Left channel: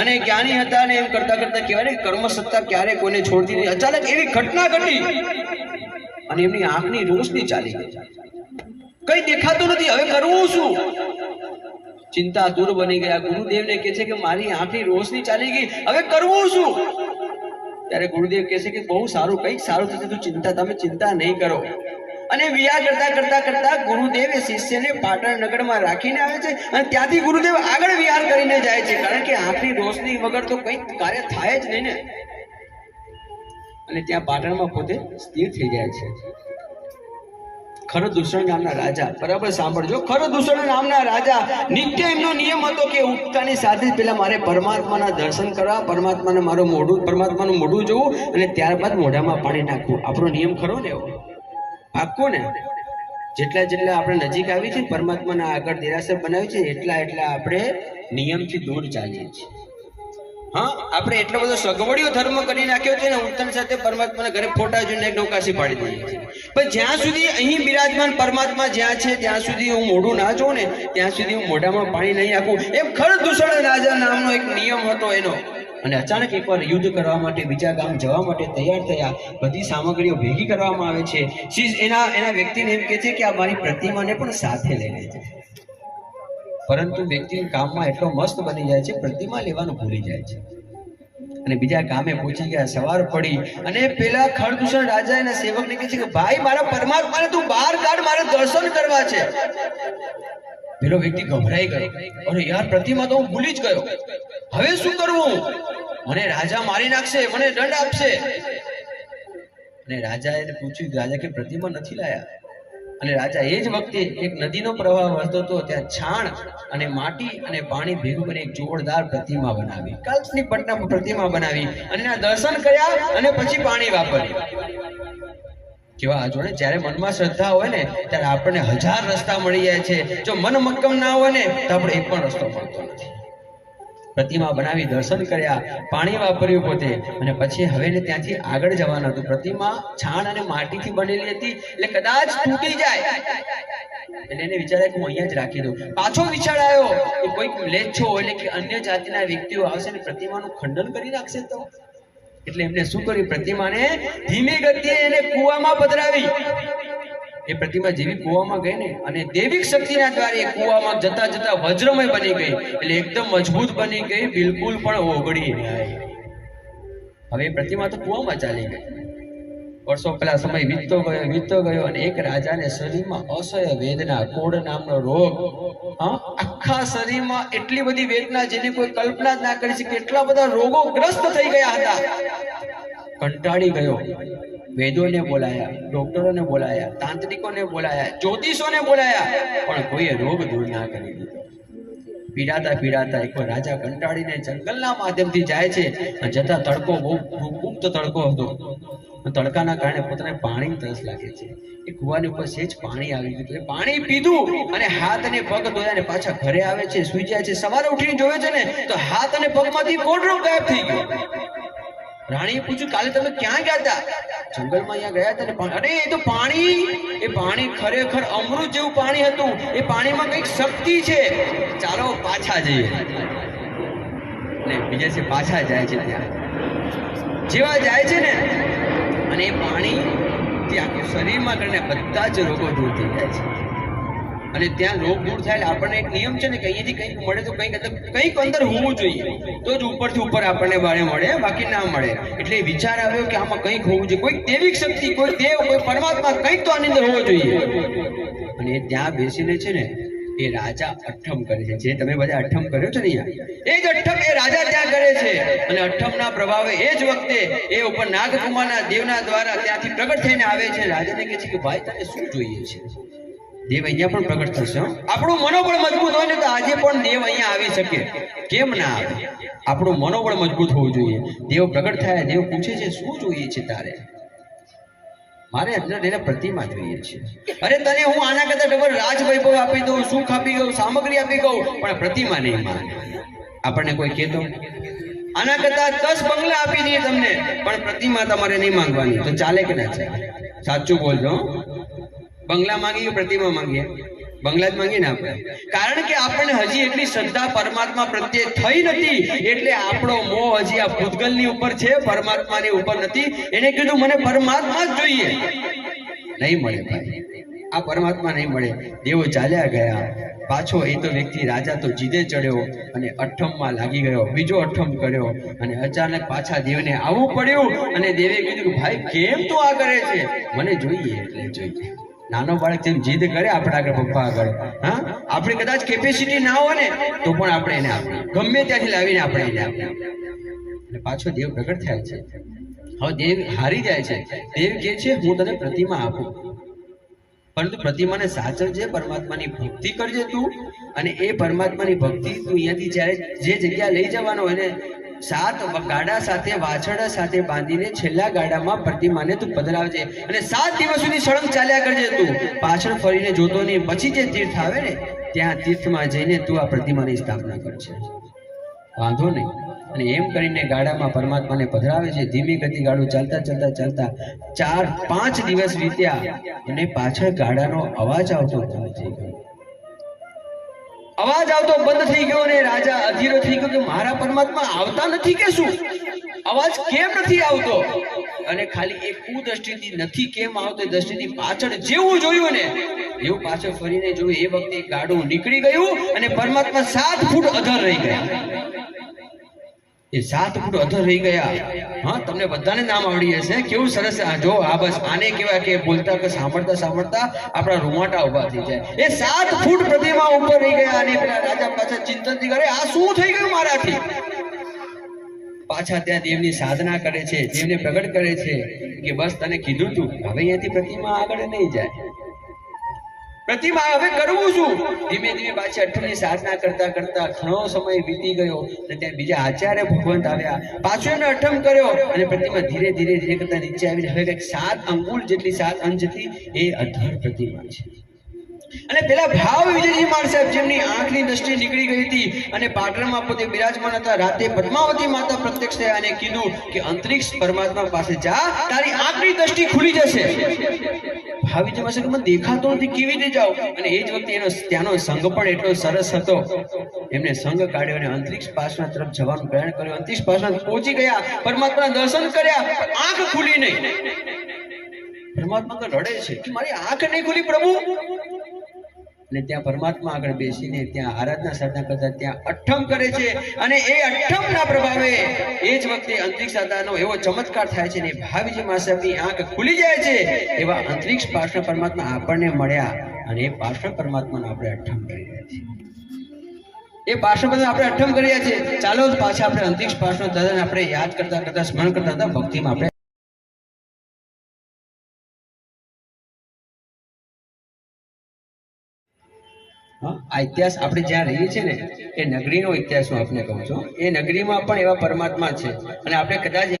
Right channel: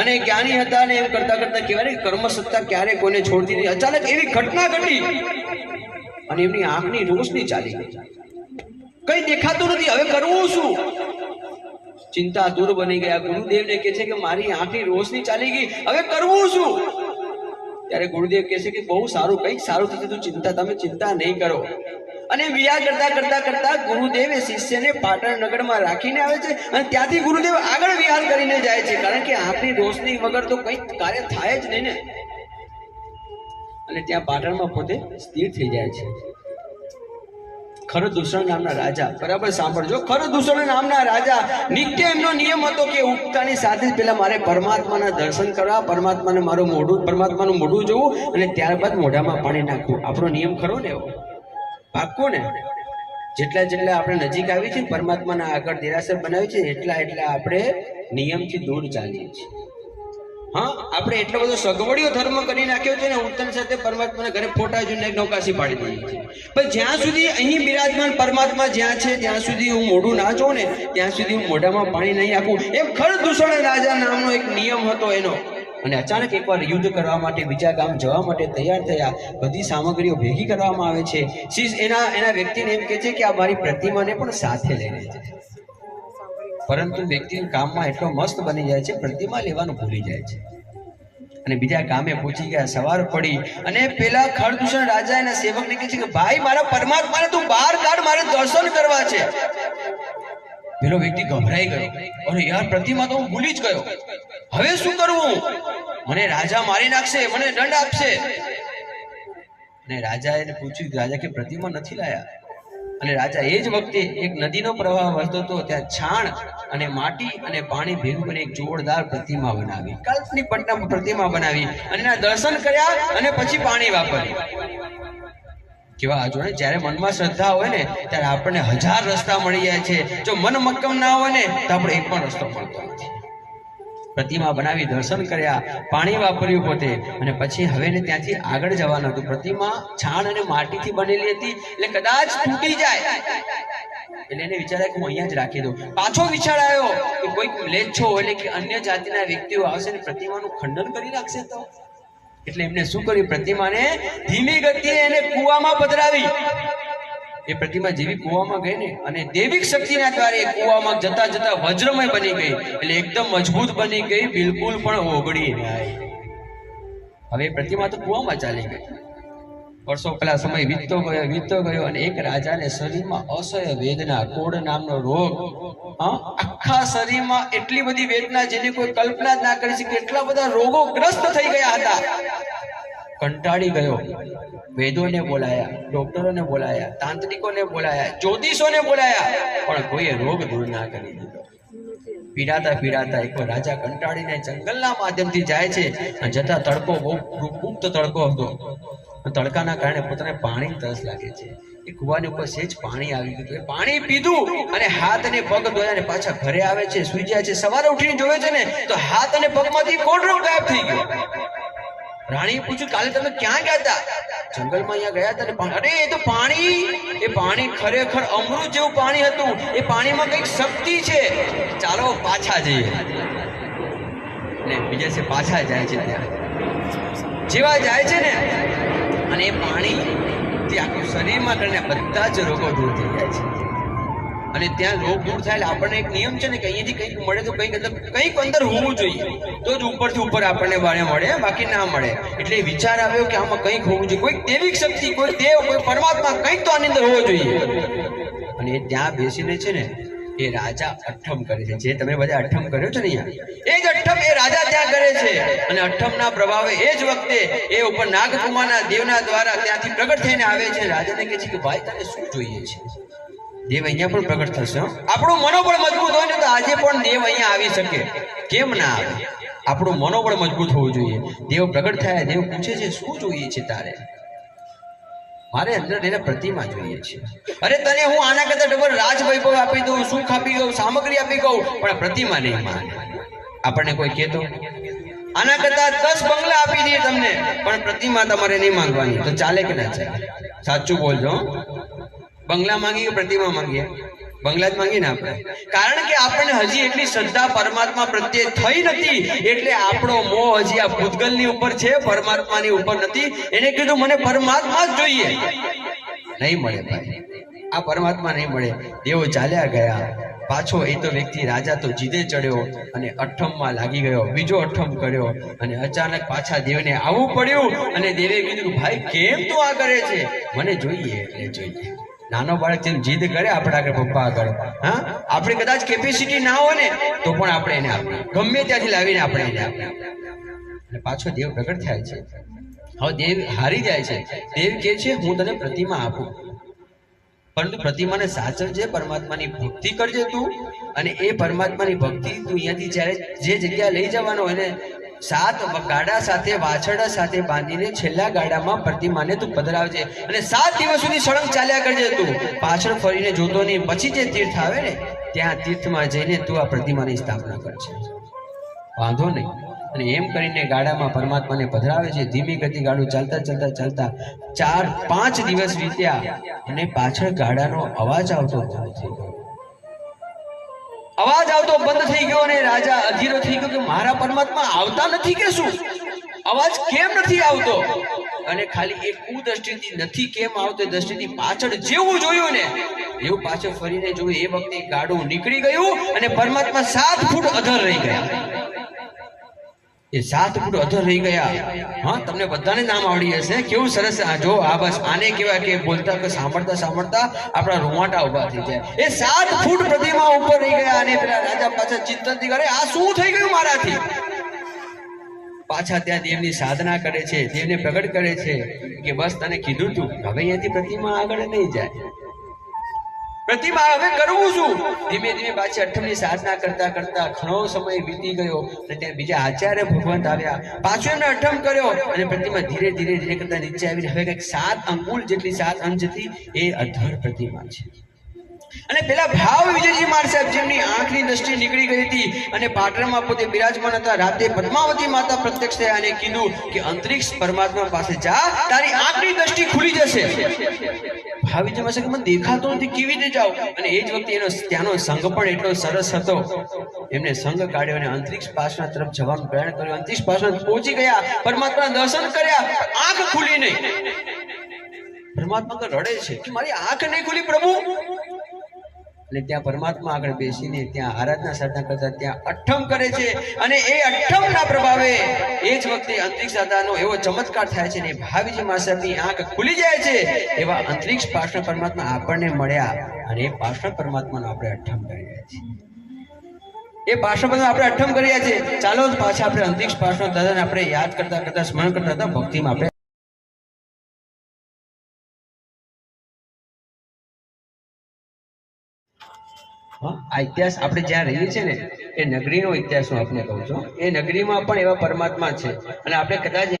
અને જ્ઞાની હતા અને એમ કરતા કરતા કહેવાય કર્મ સત્તા ક્યારે કોને છોડતી નહીં. અચાનક એવી ઘટના ઘટી અને એમની આંખની રોશની ચાલી ગઈ. કઈ દેખાતું નથી, હવે કરવું શું? ચિંતા દૂર બની ગયા. ગુરુદેવને કહે છે કે મારી આંખની રોશની ચાલી ગઈ, હવે કરવું શું? ત્યારે ગુરુદેવ કહે છે કે બહુ સારું, કંઈક સારું થશે, તમે ચિંતા નહીં કરો. અને વિહાર કરતા કરતા કરતા ગુરુદેવ શિષ્યને પાટણ નગરમાં રાખીને આવે છે અને ત્યાંથી ગુરુદેવ આગળ વિહાર કરીને જાય છે, કારણ કે આંખની રોશની વગર તો કંઈ કાર્ય થાય જ નહીં ને. અને ત્યાં પાટણમાં પોતે સ્થિર થઈ જાય છે. ખરદૂષણ નામના રાજા, બરાબર સાંભળજો, ખરદૂષણ નામના રાજા, નિત્ય એમનો નિયમ હતો કે ઉઠતાની સાથે જ પેલા મારે પરમાત્માના દર્શન કરવા, પરમાત્માનું મોઢું જોવું અને ત્યારબાદ મોઢામાં પાણી નાખવું. આપણો નિયમ ખરો ને એવો, પાક્કો ને. જેટલા આપણે નજીક આવી છે પરમાત્માના આગળ દેરાસર બનાવ્યું છે, એટલા આપણે નિયમથી દૂર ચાલીએ છીએ. હા, આપણે એટલો બધો સગવડીઓ ધર્મ કરી નાખ્યો છે ને, ઉઠતાની સાથે પરમાત્માના ઘરે ફોટા જોઈને નૌકાસી પાડી દઈએ છીએ. પણ જ્યાં સુધી અહીં બિરાજમાન પરમાત્મા જ્યાં છે ત્યાં સુધી હું મોઢું ના જોઉં ને, ત્યાં સુધી હું મોઢામાં પાણી નહીં નાખું. એમ ખરદૂષણ રાજા નામનો એક નિયમ હતો એનો. અને અચાનક એકવાર યુદ્ધ કરવા માટે બીજા ગામ જવા માટે તૈયાર થયા. બધી સામગ્રીઓ ભેગી કરવામાં આવે છે. એના વ્યક્તિને એમ કહે છે કે આ મારી પ્રતિમાને પણ સાથે લઈને છે. પરંતુ વ્યક્તિ કામમાં એટલો મસ્ત બની જાય છે, પ્રતિમા લેવાનું ભૂલી જાય છે. અને બીજા ગામે પહોંચી ગયા. સવાર પડી અને પેલા ખરદૂષણ રાજા એના સેવકને કહે છે કે ભાઈ મારા પરમાત્માને તું બહાર કાઢ, મારે દર્શન કરવા છે. પેલો વ્યક્તિ ગભરાઈ ગયો, અરે યાર પ્રતિમા તો હું ભૂલી જ ગયો, હવે શું કરવું? મને રાજા મારી નાખશે, મને દંડ આપશે. અને રાજાએ પૂછ્યું, રાજા કે પ્રતિમા નથી લાયા. અને રાજા એ જ વખતે એક નદીનો પ્રવાહ વહેતો હતો, ત્યાં છાણ અને માટી અને પાણી ભેગું કરીને એક જોરદાર પ્રતિમા બનાવી, કાલ્પનિક પ્રતિમા બનાવી અને દર્શન કર્યા અને પછી પાણી વાપર્યું. કેવા જોડે જ્યારે મનમાં શ્રદ્ધા હોય ને ત્યારે આપણને 1000 રસ્તા મળી જાય છે. જો મન મક્કમ ના હોય ને તો આપણે એક પણ રસ્તો મળતો નથી. પ્રતિમા બનાવી, દર્શન કર્યા, પાણી વાપર્યું પોતે, અને પછી હવે ત્યાંથી આગળ જવાનું હતું. પ્રતિમા છાણ અને માટીથી બનેલી હતી, એટલે કદાચ તૂટી જાય. એટલે એને વિચાર્યા કે હું અહીંયા જ રાખી દઉં. પાછો વિચાર આવ્યો કે કોઈક મ્લેચ્છો એટલે કે અન્ય જાતિના વ્યક્તિઓ આવશે ને પ્રતિમાનું ખંડન કરી નાખશે તો. એટલે એમને શું કર્યું, પ્રતિમાને ધીમી ગતિએ એને કૂવામાં પધરાવી. એ પ્રતિમા જેવી કૂવામાં ગઈ ને, અને દૈવિક શક્તિના દ્વારા એ કૂવામાં જતા જતા વજ્રમય બની ગઈ. એટલે એકદમ મજબૂત બની ગઈ, બિલકુલ પણ ઓગળી નહીં. હવે પ્રતિમા તો કૂવામાં ચાલી ગઈ. વર્ષો પહેલા સમય વીતતો ગયો અને એક રાજાને શરીરમાં અસહ્ય વેદના, કોડ નામનો રોગ, આખા શરીરમાં એટલી બધી વેદના જેની કોઈ કલ્પના જ ના કરી શકે, એટલા બધા રોગો ગ્રસ્ત થઈ ગયા હતા. કંટાળી ગયો. વેદોને બોલાયા, ડોક્ટરોને બોલાયા, તાંત્રિકોને બોલાયા, જ્યોતિષોને બોલાયા, પણ કોઈએ રોગ દૂર ના કરી દીધો. પીડાતા એક રાજા કંટાળીને જંગલના માધ્યમથી જાય છે. જતા તડકો બહુ ગુપ્ત તડકો હતો. તડકાના કારણે પોતાને પાણી તરસ લાગે છે. એ કુવાની ઉપર સેજ પાણી આવી ગયું. પાણી પીધું અને હાથ અને પગ ધોયા અને પાછા ઘરે આવે છે, સુઈ જાય છે. સવારે ઉઠીને જોવે છે ને તો હાથ અને પગમાંથી કોડરોગ ગાયબ થઈ ગયો. રાણીએ પૂછ્યું, કાલે તમે ક્યાં ગયા હતા? જંગલમાં અહીંયા ગયા હતા ને. અરે એ તો પાણી ખરેખર અમૃત જેવું પાણી હતું. એ પાણીમાં કંઈક શક્તિ છે, ચાલો પાછા જઈએ. અને બીજા છે પાછા જાય છે. ત્યાં જેવા જાય છે ને અને એ પાણી આખું શરીરમાં કરીને બધા જ રોગો દૂર થઈ જાય છે. અને ત્યાં રોગ દૂર થાય એટલે આપણને એક નિયમ છે ને કે અહીંયાથી કંઈક મળે તો કંઈક અંદર હોવું જોઈએ, તો જ ઉપરથી ઉપર આપણને બાળે મળે, બાકી ના મળે. એટલે વિચાર આવ્યો કે આમાં કંઈક હોવું જોઈએ, કોઈક દૈવિક શક્તિ, કોઈ દેવ, કોઈ પરમાત્મા, કંઈક તો આની અંદર હોવો જોઈએ. અને ત્યાં બેસીને છે ને એ રાજા અઠ્ઠમ કરે છે. જે તમે બધા અઠ્ઠમ કર્યો છો ને અહીંયા, એ જ અઠ્ઠમ એ રાજા ત્યાં કરે છે. અને અઠ્ઠમના પ્રભાવે એ જ વખતે એ ઉપર નાગકુમારના દેવના દ્વારા ત્યાંથી પ્રગટ થઈને આવે છે. રાજાને કહે છે કે ભાઈ તને શું જોઈએ છે? દેવ અહીંયા પણ પ્રગટ થશે. આપણું મનોબળ મજબૂત હોય ને તો આજે પણ દેવ અહીંયા આવી શકે, કેમ ના આવે? આપણું મનોબળ મજબૂત હોવું જોઈએ. દેવ પ્રગટ થાય, દેવ પૂછે છે શું જોઈએ છે તારે? મારે અંદર એને પ્રતિમા જોઈએ છે. અરે તને હું આના કરતા ડબલ રાજ વૈભવ આપી દઉં, સુખ આપી દઉં, સામગ્રી આપી દઉં, પણ પ્રતિમા નહીં માંગે. આપણને કોઈ કહેતો આના કરતા 10 બંગલા આપી દઈએ તમને, પણ પ્રતિમા તમારે નહીં માંગવાની, તો ચાલે કે ના ચાલે? સાચું બોલજો. બંગલા માંગીએ, પ્રતિમા માંગીએ? બંગલા જ માંગીને આપણે, કારણ કે આપણને હજી એટલી શ્રદ્ધા પરમાત્મા પ્રત્યે થઈ નથી, એટલે આપણો મોહ હજી આ ભૂતગલની ઉપર છે, પરમાત્માની ઉપર નથી. એને કીધું મને પરમાત્મા જ જોઈએ. નહીં મળે ભાઈ, આ પરમાત્મા નહીં મળે. દેવો ચાલ્યા ગયા. પાછો એ તો વ્યક્તિ રાજા તો જીદે ચડ્યો અને અઠ્ઠમમાં લાગી ગયો, બીજો અઠ્ઠમ કર્યો અને અચાનક પાછા દેવને આવવું પડ્યું. અને દેવે કીધું ભાઈ કેમ તું આ કરે છે? મને જોઈએ એટલે જોઈએ. નાનો બાળક જેમ જીદ કરે આપણા આગળ, પપ્પા આગળ, હા, આપણે કદાચ કેપેસિટી ના હોય ને તો પણ આપણે એને આપીએ, ગમે ત્યાંથી લાવીને આપણે એને આપીએ. અને પાછો દેવ પ્રગટ થાય છે. હવે દેવ હારી જાય છે. દેવ કહે છે હું તને પ્રતિમા આપું, પરંતુ પ્રતિમાને સાચવજે, પરમાત્માની ભક્તિ કરજે તું. અને એ પરમાત્માની ભક્તિ તું અહીંયાથી જ્યારે જે જગ્યા લઈ જવાનો એને 7 ગાડા સાથે વાછરડા સાથે બાંધીને છેલ્લા ગાડામાં પ્રતિમાને તું પધરાવજે અને 7 દિવસ સુધી સળંગ ચાલ્યા કરજે. તું પાછળ ફરીને જોતો નહીં. પછી જે તીર્થ આવે ને ત્યાં તીર્થમાં જઈને તું આ પ્રતિમાની સ્થાપના કરજે, વાંધો નહીં. અને એમ કરીને ગાડામાં પરમાત્માને પધરાવે છે. ધીમી ગતિ ગાડું ચાલતા ચાલતા ચાલતા 4-5 દિવસ વીત્યા અને પાછળ ગાડાનો અવાજ આવતો બંધ થઈ ગયો. અવાજ આવતો બંધ થઈ ગયો અને રાજા અધીરો થઈ ગયો કે મારા પરમાત્મા આવતા નથી કે શું? અવાજ કેમ નથી આવતો? અને ખાલી એક કુદ્રષ્ટિથી નથી કેમ આવતો એ દ્રષ્ટિથી પાછળ જેવું જોયું ને એવું પાછળ ફરીને જોયું. એ વખતે ગાડું નીકળી ગયું અને પરમાત્મા 7 ફૂટ અધર રહી ગયા. એ 7 ફૂટ અધર રહી ગયા. હા, તમને બધાને નામ આવડી હશે. કેવું સરસ! જો આ બસ આને કહેવાય કે બોલતા કે સાંભળતા સાંભળતા આપણા રૂવાટા ઉભા થઈ જાય. એ 7 ફૂટ પ્રતિમા ઉપર રહી ગયા અને પેલા રાજા પાછા ચિંતનથી કરે આ શું થઈ ગયું મારાથી? પાછા ત્યાં દેવની સાધના કરે છે, દેવને પ્રગટ કરે છે કે બસ તને કીધું તું, હવે અહીંયાથી પ્રતિમા આગળ નહીં જાય. પ્રતિમા હવે કરવું શું? ધીમે ધીમે પાછી અઠ્ઠમની સાધના કરતા કરતા ઘણો સમય વીતી ગયો અને ત્યાં બીજા આચાર્ય ભગવંત આવ્યા. પાછો એમને અઠ્ઠમ કર્યો અને પ્રતિમા ધીરે ધીરે ધીરે કરતા નીચે આવીને હવે 7 અંગુલ જેટલી 7 અંશ જેટલી એ અધર પ્રતિમા છે. અને પેલા ભાવ વિજયજી મહારાજ સાહેબ જેમની આંખની દ્રષ્ટિ નીકળી ગઈ હતી અને પાટણમાં પોતે બિરાજમાન હતા, રાતે પદ્માવતી માતા પ્રત્યક્ષ થયા અને કીધું કે અંતરિક્ષ પરમાત્મા પાસે જા, તારી આંખની દ્રષ્ટિ ખુલી જશે. ભાવિજી પાસે મને દેખાતો નથી, કેવી રીતે જાવ? અને એ જ વખતે એનો ત્યાંનો સંઘ પણ એટલો સરસ હતો. એમને સંઘ કાઢ્યો અને અંતરિક્ષ પાસના તરફ જવાનું પ્રયાણ કર્યું. અંતરિક્ષ પાસના પહોંચી ગયા, પરમાત્માના દર્શન કર્યા, આંખ ખુલી નહીં. પરમાત્મા તો રડે છે કે મારી આંખ નહીં ખુલી પ્રભુ. અને ત્યાં પરમાત્મા આગળ બેસીને ત્યાં આરાધના સાધના કરતા ત્યાં અઠ્ઠમ કરે છે અને એ અઠ્ઠમના પ્રભાવે એ જ વખતે અંતરિક્ષ દાદાનો એવો ચમત્કાર થાય છે ને ભાવિજી મહારાજની આંખ ખુલી જાય છે. એવા અંતરિક્ષ પાર્ષણ પરમાત્મા આપણને મળ્યા અને એ પાર્ષણ પરમાત્માનો આપણે અઠ્ઠમ કરી રહ્યા છીએ. એ પાર્ષણ પરમાત્મા આપણે અઠ્ઠમ કરી રહ્યા છીએ. ચાલો પાછા આપણે અંતરિક્ષ પાર્ષણ દાદાને આપણે યાદ કરતા કરતા સ્મરણ કરતા હતા ભક્તિમાં આપણે આ ઇતિહાસ આપણે જ્યાં રહીએ છીએ ને એ નગરીનો ઇતિહાસ હું આપને કહું છું. એ નગરીમાં પણ એવા પરમાત્મા છે અને આપણે કદાચ